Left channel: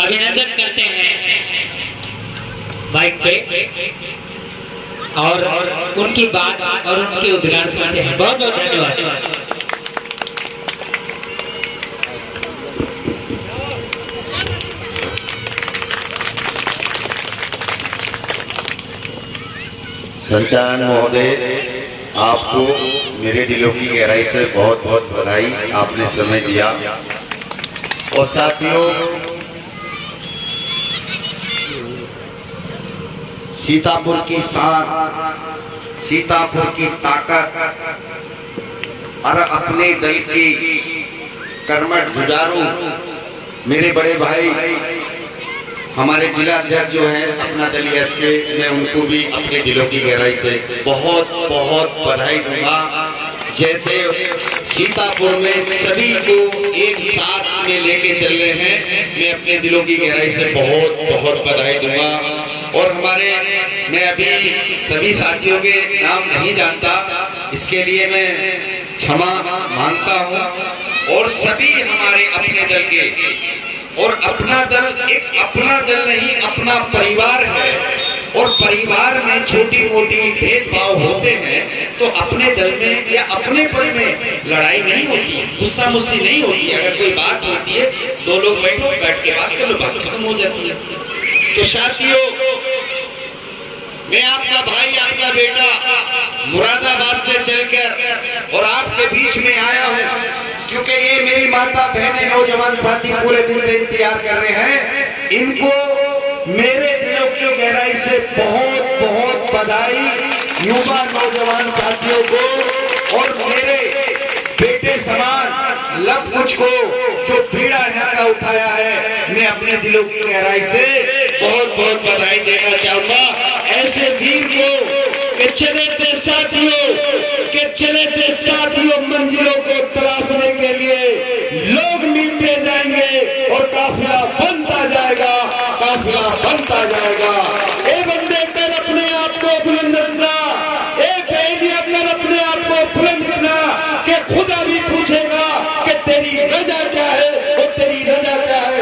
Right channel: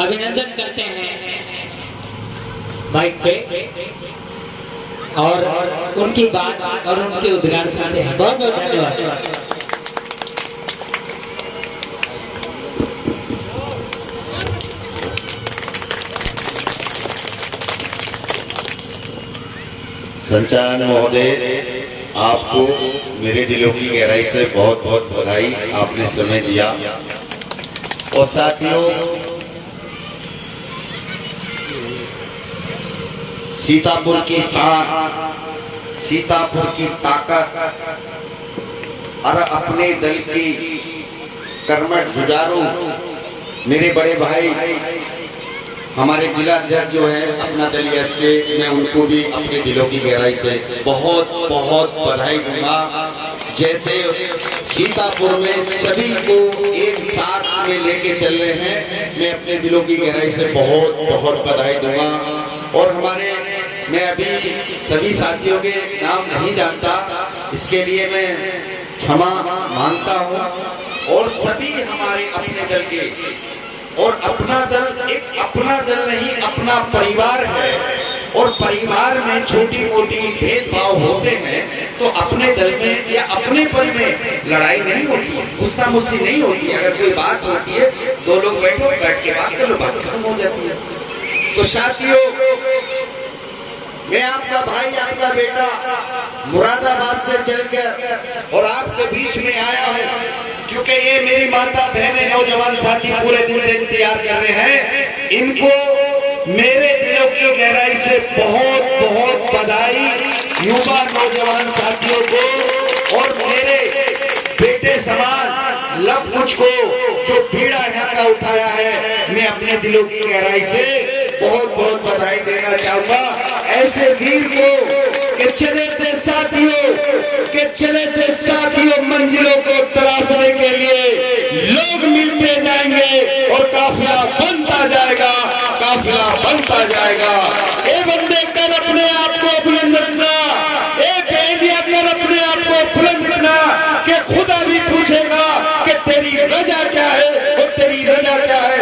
अभिनंदन करते हैं बाइक पे और उनकी बात और उनके उद्गार सुनते हैं। बहुत बहुत धन्यवाद। संचालन महोदय, आपको मेरे दिलों की गहराई से बहुत बहुत बधाई, आपने समय दिया। और साथियों, सीतापुर की शान, सीतापुर की ताकत और अपने दल के कर्मठ जुझारू मेरे बड़े भाई हमारे जिला अध्यक्ष जो है अपना दल एसके, मैं उनको भी अपने दिलों की गहराई से बहुत बहुत बधाई दूंगा। जैसे सीतापुर में सभी को एक साथ में लेके चल रहे हैं, मैं अपने दिलों की गहराई से बहुत बहुत बधाई दूंगा। और हमारे, मैं अभी सभी साथियों के नाम नहीं जानता, इसके लिए मैं क्षमा मांगता हूं। और सभी हमारे अपने दल के, और अपना दल एक अपना दल नहीं, अपना परिवार है। और परिवार में छोटी मोटी भेदभाव होते हैं तो अपने दल में या अपने पन में लड़ाई नहीं होती, गुस्सा मुस्सी नहीं होती। अगर कोई बात होती है, दो लोग बैठो, बैठ के बात करो, बात खत्म हो जाती है। तो साथियों, मैं आपका भाई, आपका बेटा मुरादाबाद से चलकर और आपके बीच में आया हूं, क्योंकि ये मेरी माता बहनें नौजवान साथी पूरे दिन से इंतजार कर रहे हैं। इनको मेरे दिलों की गहराई से बहुत बहुत बधाई, युवा नौजवान साथियों को और मेरे बेटे समान लब कुछ को जो पीड़ा यहाँ का उठाया है, मैं अपने दिलों की गहराई से बहुत बहुत बधाई देना चाहूंगा। ऐसे वीर को के चले थे साथियों, मंजिलों को तलाशने के लिए लोग मिलते जाएंगे और काफिला बनता जाएगा, काफिला बनता जाएगा। ए बंदे, कर अपने आप को बुलंद रखना, एक एरिया कर अपने आप को बुलंद रखना कि खुदा भी पूछेगा कि तेरी रजा क्या है और तेरी रजा क्या है।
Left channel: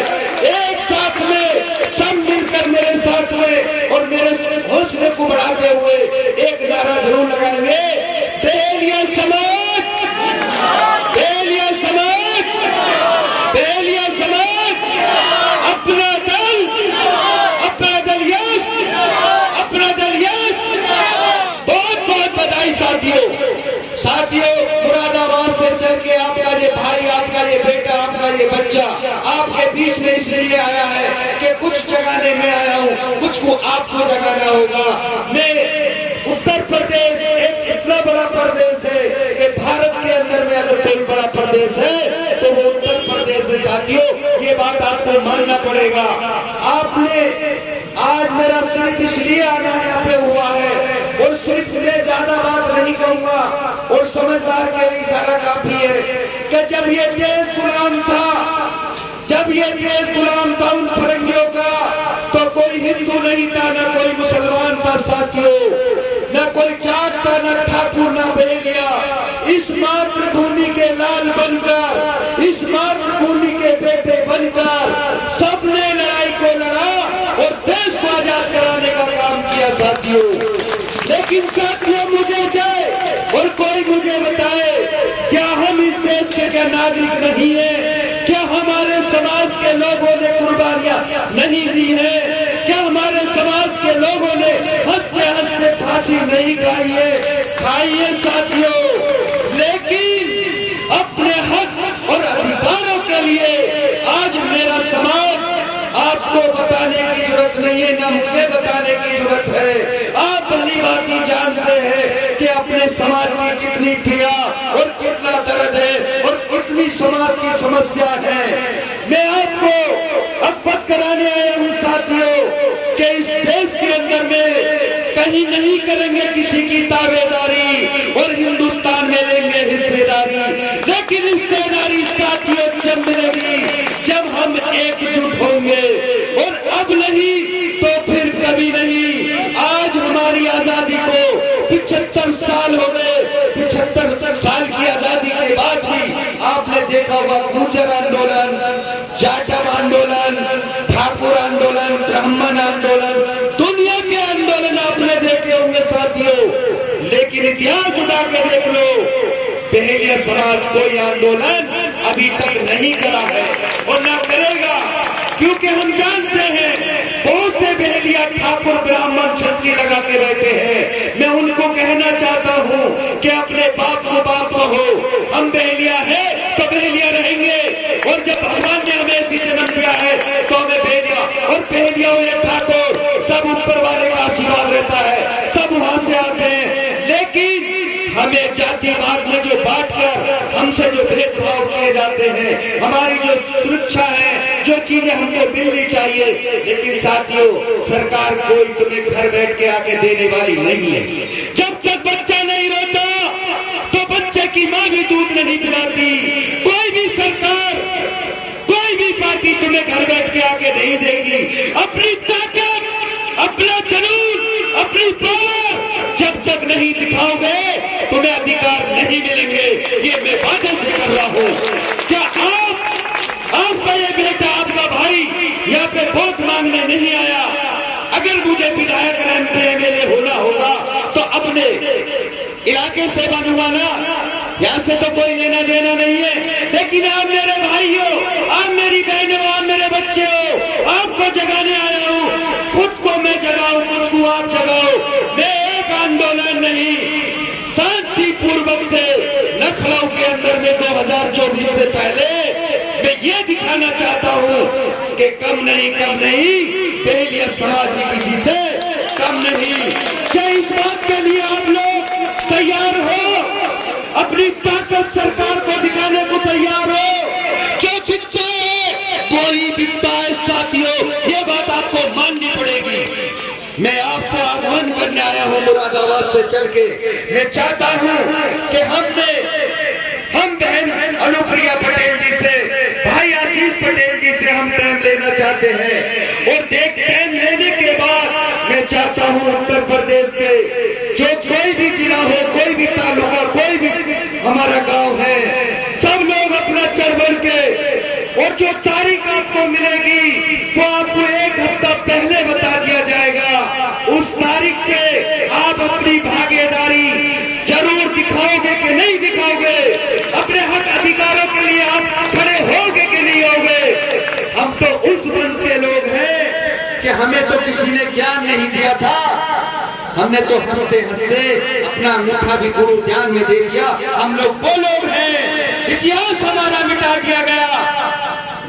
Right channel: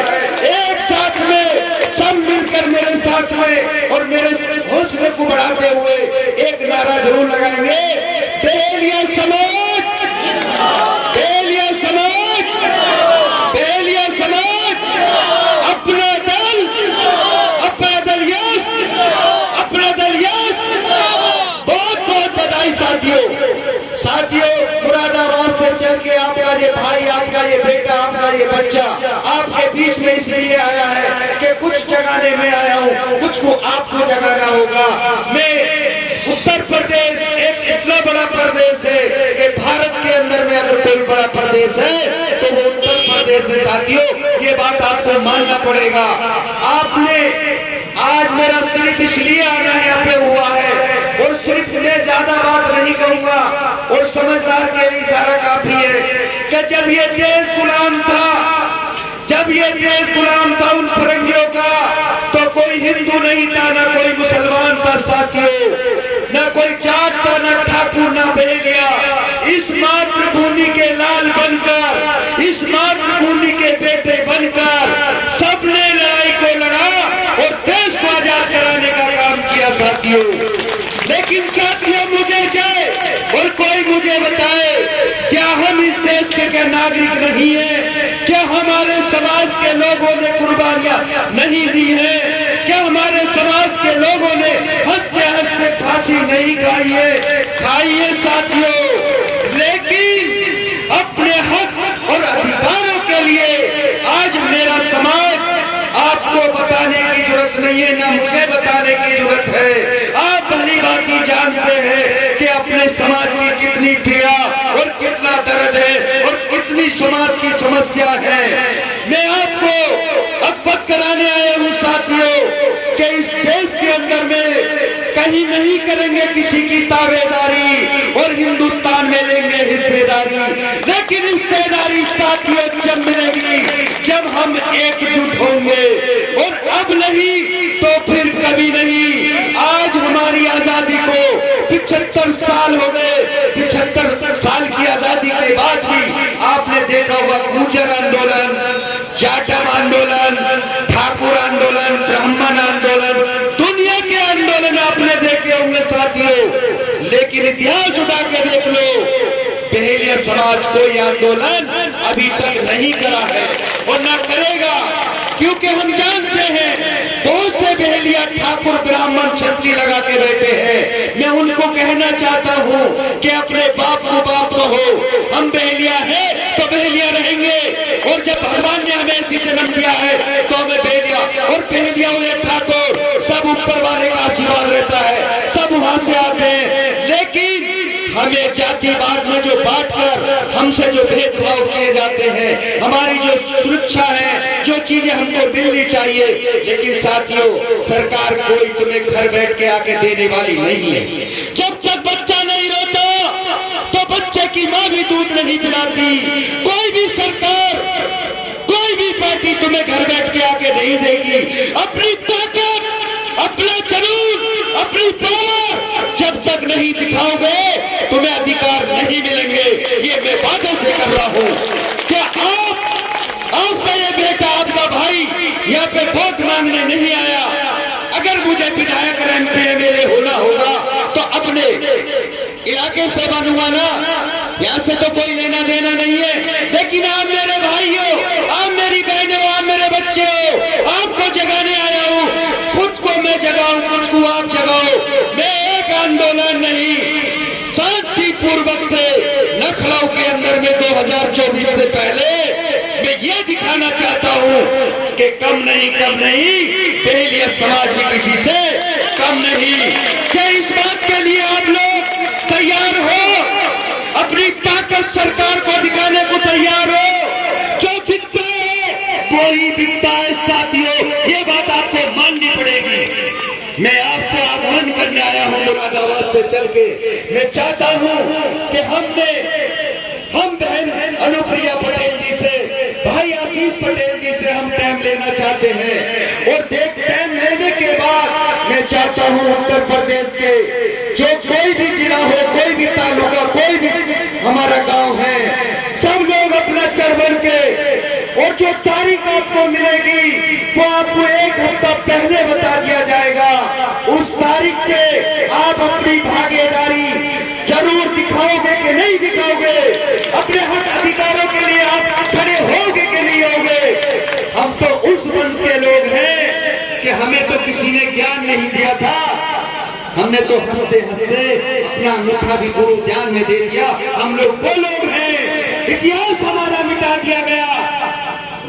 एक साथ में सब मिलकर मेरे साथ में और मेरे हौसले को बढ़ाते हुए एक नारा जरूर लगाएंगे, बेलिया समाज, बेलिया समाज, बेलिया समाज, अपना दल, अपना दल यस, अपना दल यस। बहुत बहुत बधाई साथियों, मुरादाबाद से चल के आपका ये भाई, आपका ये बेटा, आपका ये बच्चा आपके बीच में इसलिए आया है कि कुछ जगाने में आया हूँ, कुछ को आपको जगाना होगा। मैं उत्तर प्रदेश एक इतना बड़ा प्रदेश है कि भारत के अंदर में अगर कोई बड़ा प्रदेश है तो वो उत्तर प्रदेश है। साथियों, ये बात आपको मानना पड़ेगा। आपने आज मेरा सिर्फ इसलिए आना यहाँ पे हुआ है, और सिर्फ मैं ज्यादा बात नहीं कहूंगा, और समझदार के लिए इशारा काफी है कि जब ये देश गुलाम था, जब ये देश गुलाम था उन फिरंगियों का, तो कोई हिंदू नहीं था, ना कोई मुसलमान था साथियों, न कोई जात था, न ठाकुर, न बहेलिया। इस मातृभूमि के लाल बनकर, इस मातृभूमि के बेटे बनकर सबने लड़ाई को लड़ा और देश को आजाद कराने का काम किया साथियों। लेकिन साथियों, मुझे जाए और कोई मुझे बताए, क्या हम इस देश के क्या नागरिक नहीं है? क्या हमारे समाज के लोगों ने कुर्बानियां नहीं दी है? क्या हमारे समाज के लोगों ने हंसते हंसते फांसी नहीं खाई है? खाई है साथियों। लेकिन अपने हक और अधिकारों के लिए आज मेरा समाज आपको बताने की जरूरत नहीं है, ना मुझे बताने की जरूरत है। आप भली भांति जानते हैं कि अपने समाज की कितनी पीड़ा और कितना दर्द है और कितनी समाज की समस्या है। मैं आपको अवगत कराने आया हूँ साथियों कि इस देश के अंदर में कहीं नहीं करेंगे किसी की ताबेदारी और हिंदुस्तान में लेंगे हिस्सेदारी। लेकिन हिस्सेदारी साथियों जब मिलेगी जब हम एकजुट होंगे, और अब नहीं तो फिर कभी नहीं। आज हमारी आजादी को 75 साल हो गए, 75 साल की आजादी के बाद भी आपने देखा होगा गुर्जर आंदोलन, जाटव आंदोलन, ठाकुर समाज कोई आंदोलन अभी तक नहीं करा है और न करेगा, क्योंकि हम जानते हैं बहुत से बहेलिया ठाकुर ब्राह्मण छतरी लगा के बैठे हैं। मैं उनको कहना चाहता हूं कि अपने बाप को बाप कहो, हम बहेलिया है तो बहेलिया रहेंगे, और जब भगवान ने हमें ऐसी जन्म दिया है तो हमें बहेलिया और बहेलिया हुए ठाकुर सब ऊपर वाले का आशीर्वाद रहता है, सब वहां से आते हैं। लेकिन हमें जातिवाद में जो बांटकर हमसे जो भेदभाव किए जाते हैं, हमारी जो सुरक्षा है, जो चीजें हमको मिलनी चाहिए, लेकिन साथियों सरकार कोई तुम्हें घर बैठ के आके देने वाली नहीं है। जब तक बच्चा नहीं रोता तो बच्चे की मां भी दूध नहीं पिलाती। कोई भी सरकार, कोई भी पार्टी तुम्हें घर बैठ के आके नहीं देगी। अपनी ताकत, अपना जुनून, अपनी पावर जब तक नहीं दिखाओगे तुम्हें अधिकार नहीं मिलेंगे। ये मैं वादा से कर रहा हूं। क्या आपका ये बेटा, आपका भाई यहाँ पे वोट मांगने नहीं आया? अगर मुझे विधायक MP MLA होना होगा तो अपने इलाके से बनूंगा ना, यहाँ से तो कोई लेना देना नहीं है। लेकिन आप मेरे भाई हो, आप मेरी बहन हो, आप मेरे बच्चे हो, आपको जगाने आया हूँ। खुद को मैं जगाऊं, कुछ को आप जगाओ। मैं एक आंदोलन नहीं, शांतिपूर्वक से लखनऊ के अंदर में 2024 से पहले मैं ये दिखाना चाहता हूँ कि कम नहीं बहेलिया समाज भी किसी से कम नहीं। क्या इस बात के लिए आप लोग तैयार हो? अपनी ताकत सरकार को दिखाने को तैयार हो? जो दिखता है कोई दिखता है साथियों, ये बात आपको माननी पड़ेगी। मैं आपसे आह्वान करने आया हूं मुरादाबाद से चल के। मैं चाहता हूं कि हम बहन अनुप्रिया पटेल जी से, भाई आशीष पटेल जी से हम टाइम लेना चाहते हैं, और टाइम लेने के बाद मैं चाहता हूं उत्तर प्रदेश के जो कोई भी जिला हो, कोई भी तालुका, कोई भी हमारा गांव है, सब लोग अपना चढ़ बढ़ के, और जो तारीख आपको मिलेगी वो आपको एक हफ्ता पहले बता दिया जाएगा। उस तारीख पे आप अपनी भागीदारी जरूर दिखाओगे कि नहीं दिखाओगे? अपने हक अधिकारों के लिए आप खड़े होगे कि नहीं होगे? हम तो उस वंश के लोग हैं कि हमें तो किसी ने ज्ञान नहीं दिया था, हमने तो हंसते हंसते अपना अंगूठा भी गुरु ज्ञान में दे दिया। हम लोग वो लोग हैं, इतिहास हमारा मिटा दिया गया।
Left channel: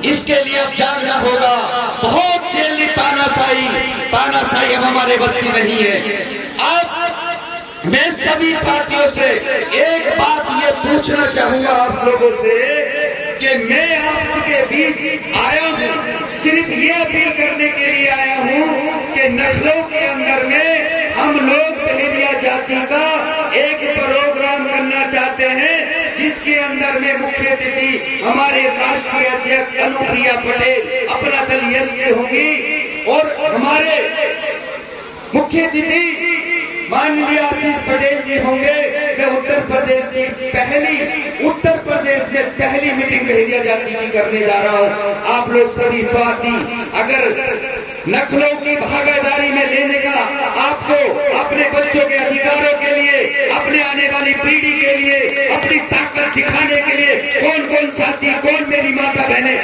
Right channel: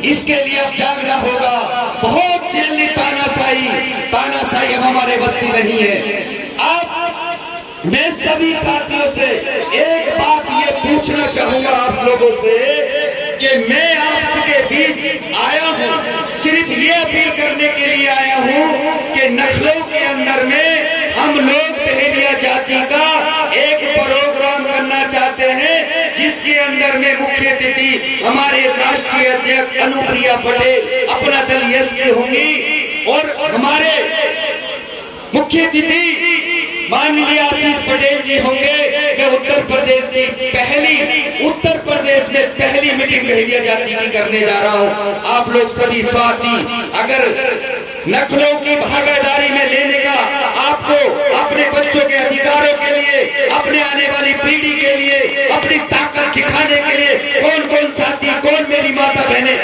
इसके लिए अब जागना होगा। बहुत जेली तानाशाही अब हमारे बस की नहीं है। अब मैं सभी साथियों से एक बात ये पूछना चाहूंगा आप लोगों से कि मैं आपके बीच आया हूं, सिर्फ ये अपील करने के लिए आया हूं कि नस्लों के अंदर में हम लोग बहेलिया जाति का एक प्रोग्राम करना चाहते हैं, जिसके अंदर में मुख्य अतिथि हमारे राष्ट्रीय अध्यक्ष अनुप्रिया पटेल अपना दल यश के होंगी, और हमारे मुख्य अतिथि माननीय आशीष पटेल जी होंगे। मैं उत्तर प्रदेश में पहली मीटिंग बहेलिया जाति की करने जा रहा हूं। आप लोग सभी साथी अगर नस्लों की भागीदारी में लेने का, आपको अपने बच्चों के अधिकारों के लिए, अपने आने वाली पीढ़ी के लिए, अपनी ताकत दिखाने के लिए कौन कौन साथी, कौन मेरी माता बहने